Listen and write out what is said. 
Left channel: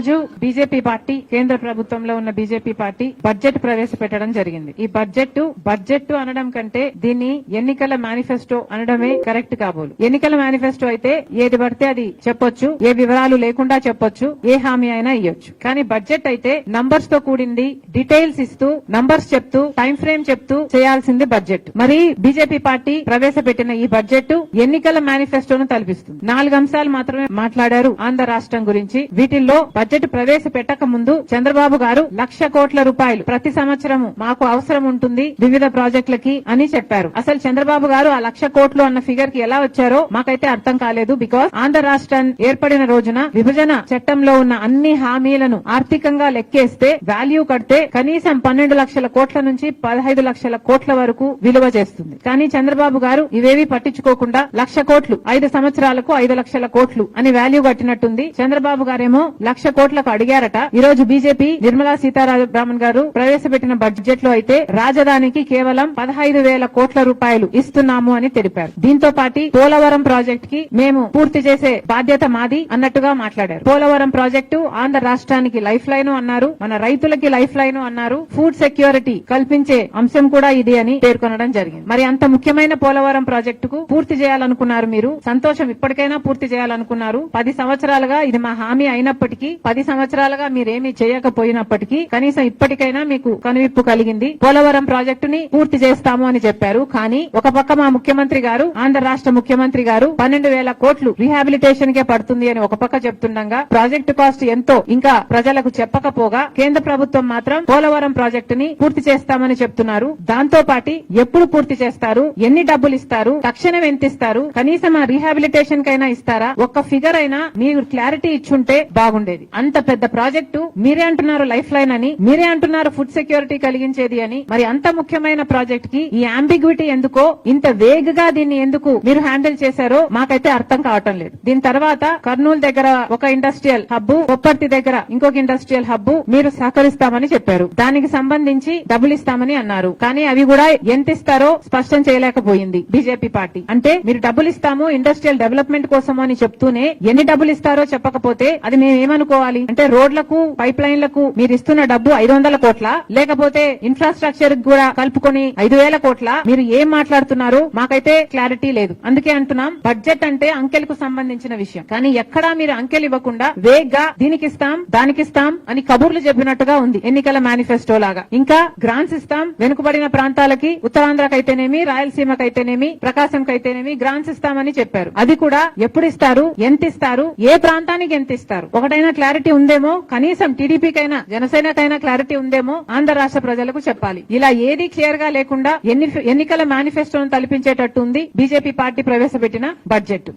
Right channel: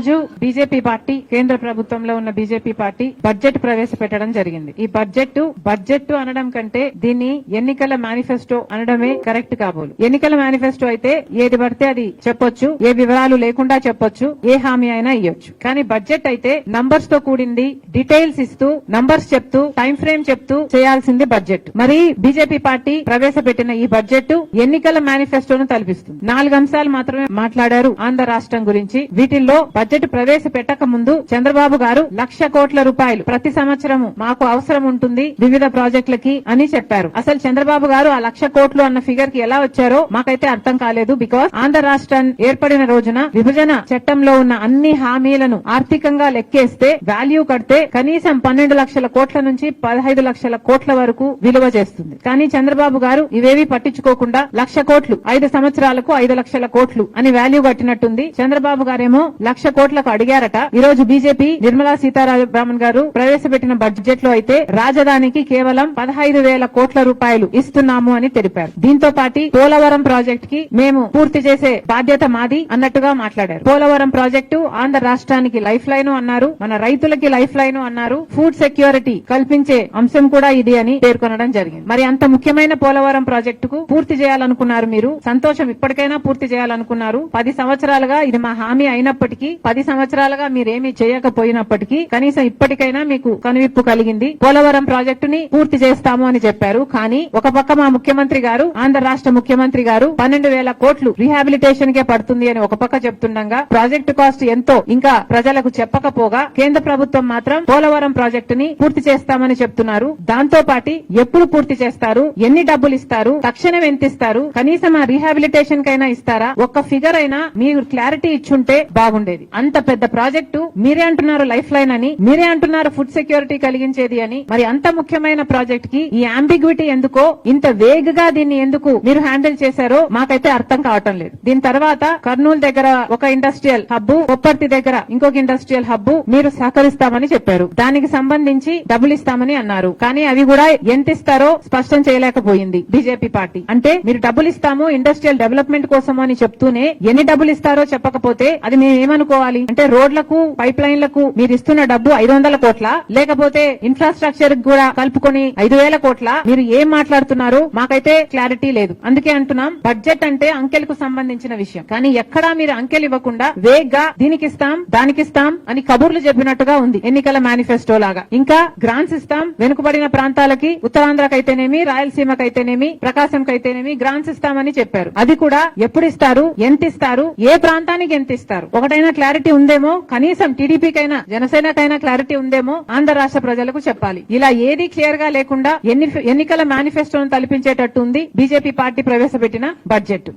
రోజు BJP party కేంద్ర ప్రభుత్వంలో ఉన్న బీజేపీ పార్టీ బడ్జెట్ ప్రవేశపెట్టడం జరిగింది. ఈ బడ్జెట్ అనడం కంటే దీన్ని ఎన్నికల మేనిఫెస్టో అనడమే కరెక్ట్ కాబోలు. ఎన్నికల మేనిఫెస్టో అయితే ఏది పడితే అది చెప్పొచ్చు, ఏ వివరాలు లేకుండా చెప్పొచ్చు, ఏ హామీ అయినా ఇవ్వచ్చు. కానీ బడ్జెట్ అయితే నంబర్స్ తో కూడింది, డీటెయిల్స్ ఇస్తూ నంబర్స్ చెప్తూ టైం ఫ్రేమ్ చెప్తూ చేయాల్సింది బడ్జెట్. మరి బీజేపీ పార్టీ ప్రవేశపెట్టిన ఈ బడ్జెట్ ఎన్నికల మేనిఫెస్టోను తలపిస్తుంది. 4 అంశాలు మాత్రమే మాట్లాడారు ఆంధ్ర రాష్ట్రం గురించి. వీటిల్లో బడ్జెట్ ప్రవేశపెట్టక ముందు చంద్రబాబు గారు 1,00,000 కోట్ల రూపాయలు ప్రతి సంవత్సరము మాకు అవసరం ఉంటుంది వివిధ ప్రాజెక్టులకి అని చెప్పారు. అసలు చంద్రబాబు గారు ఆ 1,00,000 కోట్లు అన్న ఫిగర్ కి ఎలా వచ్చారో మాకైతే అర్థం కాలేదు. బికాస్ ఆంధ్ర రాష్ట్రం ఏర్పడిన రోజున విభజన చట్టంలో ఉన్న అన్ని హామీలను ఆర్థికంగా లెక్కేస్తే వాల్యూ కడితే కనీసం 12 లక్షల కోట్ల నుంచి 15 లక్షల కోట్ల వరకు విలువ చేస్తుంది. కానీ చంద్రబాబు గారు ఇవేవి పట్టించుకోకుండా 1,00,000 కోట్లు 5 సంవత్సరాలకు 5 లక్షల కోట్లు అని వాల్యూ కట్టినట్టుంది. చంద్రబాబు గారేమో 1,00,000 కోట్లకు అడిగారట. ఈ రోజు బీజేపీ నిర్మలా సీతారామన్ గారు ప్రవేశపెట్టిన బడ్జెట్ లో అయితే రాజధానికి కేవలం 15,000 కోట్ల రూపాయలు ఇస్తున్నాము అని తెలిపారు. దీంతో పాటు పోలవరం ప్రాజెక్ట్ కి మేము పూర్తి చేసే బాధ్యత మాది అన్నట్టుగా మాట్లాడారు. పోలవరం ప్రాజెక్టు ఆంధ్ర రాష్ట్రానికి లైఫ్ లైన్ అన్నారు, మన రైతులకి లైఫ్ లైన్ అన్నారు, ఫుడ్ సెక్యూరిటీ కల్పించే అంశం కూడా ఇది అని పేర్కొనడం జరిగింది. మరి అంత ముఖ్యమైన పోలవరం ప్రాజెక్టుకు పూర్తి చేయాలనుకున్నారు మీరు, సంతోషం, ఇప్పటికైనా పూర్తి చేయాలనుకున్నారు. 10 సంవత్సరాలుగా ఇది మా హామీ అయినప్పటికీ, 10 సంవత్సరాలుగా మీరేమీ చేయకపోయినప్పటికీ కనీసం ఇప్పటికైనా మీకు కనువిప్పు కలిగింది. పోలవరం ప్రాజెక్టుని పూర్తి చేస్తాము అని చెప్పారు. కానీ ఒక పక్క మా ముఖ్యమంత్రి గారు, ఆంధ్ర రాష్ట్ర ముఖ్యమంత్రి గారు 12,000 కోట్లు రీహాబిలిటేషన్ కే పడుతుంది అని ఒక పక్క చెప్తుండగా ప్రాజెక్టు కాస్ట్ ఎంతో ఇంకా ప్రజలకు చెప్పకపోగా కేంద్ర ప్రభుత్వం మాత్రం పోలవరం ప్రాజెక్టుని పూర్తి చేస్తామని చెప్తున్నారు. దాంతో పాటు ఎప్పుడు పూర్తి చేస్తారు, ఎన్ని డబ్బులు ఇస్తారు, తక్షణం ఎంత ఇస్తారు, కనీసం ఆ రీహాబిలిటేషన్ కైనా ఇస్తారా, ఒక్క ఫిగర్ అయినా మీరు క్లారిటీ ఇచ్చుంటే బాగుండేది. అంత పెద్ద ప్రాజెక్టు మీరే అంటున్నారు లైఫ్ లైన్ అని, మీరే అంటున్నారు ఫుడ్ సెక్యూరిటీ కలిగించేది అని. మరి అంత ముఖ్యమైన ప్రాజెక్ట్ కి ఈ అంబిగ్విటీ ఎందుకో, ఇంత వేగ్ గా దీన్ని ఎందుకు మీరు హ్యాండిల్ చేశారో మాకైతే అర్థం కావటం లేదు. దీని తర్వాత కర్నూలు దగ్గర ఒక ఇండస్ట్రియల్ హబ్, ఉప్పర్తి దగ్గర ఇంకొక ఇండస్ట్రియల్ హబ్ మీరు సహకరిస్తామని చెప్పారు. దానికి సంబంధించి డబ్బులు ఇస్తామని అన్నారు. కానీ అవి కూడా ఎంత ఇస్తారో స్పష్టం చేయలేకపోయింది బీజేపీ పార్టీ. అంటే మీరు డబ్బులు ఇస్తాము ఇండస్ట్రియల్ డెవలప్మెంట్ కోసం అని చెప్తూనే ఎన్ని డబ్బులు ఇస్తారో చెప్పకపోతే అది మేము ఏమనుకోవాలి? అంటే రోడ్లకు, పైప్ లైన్లకు మీరు ఇస్తున్న డబ్బు 500 కోట్ల, లేకపోతే ఇన్ఫ్రాస్ట్రక్చర్ కూడా కలుపుకొని 5,000 కోట్ల, మీరు ఏం మాట్లాడుతున్నారు? మాకైతే క్లారిటీ లేదు. అందుకే అంటున్నాం బడ్జెట్ అంటే అంకెలకు సంబంధించిన విషయం. కానీ ఎక్కడా మీరు అంకెలు ఇవ్వకుండా వేగ్ గా దీనికిస్తాం దానికిస్తాం అని కబుర్లు చెప్పినట్టుగా ఉంది ఎన్నికల మేనిఫెస్టో లాగా. ఇంకా గ్రాంట్స్ ఇస్తాం వెనుకబడిన ప్రాంతాలకి, ఉత్తరాంధ్రకైతేనేమి, రాయలసీమకైతేనేమి, ప్రకాశంకైతేనేమి గ్రాంట్స్ ఇస్తామని చెప్పారు. అది కూడా ఎప్పుడు ఇస్తారు, ఎంత ఇస్తారు, ఏ ప్రాంతానికి ఎంత ఇస్తారు, ఒకటైనా క్లారిటీ ఉందేమో. కనీసం టీడీపీకైనా జనసేనకైనా క్లారిటీ ఉందేమో ఆంధ్ర రాష్ట్ర ప్రజలకు చెప్పాలి. ఇలా ఏది క్లియర్ గా లేకుండా ఎన్నికల మేనిఫెస్టోను తలపించేటట్టు ఉంది బీజేపీ పార్టీ ప్రవేశపెట్టిన బడ్జెట్.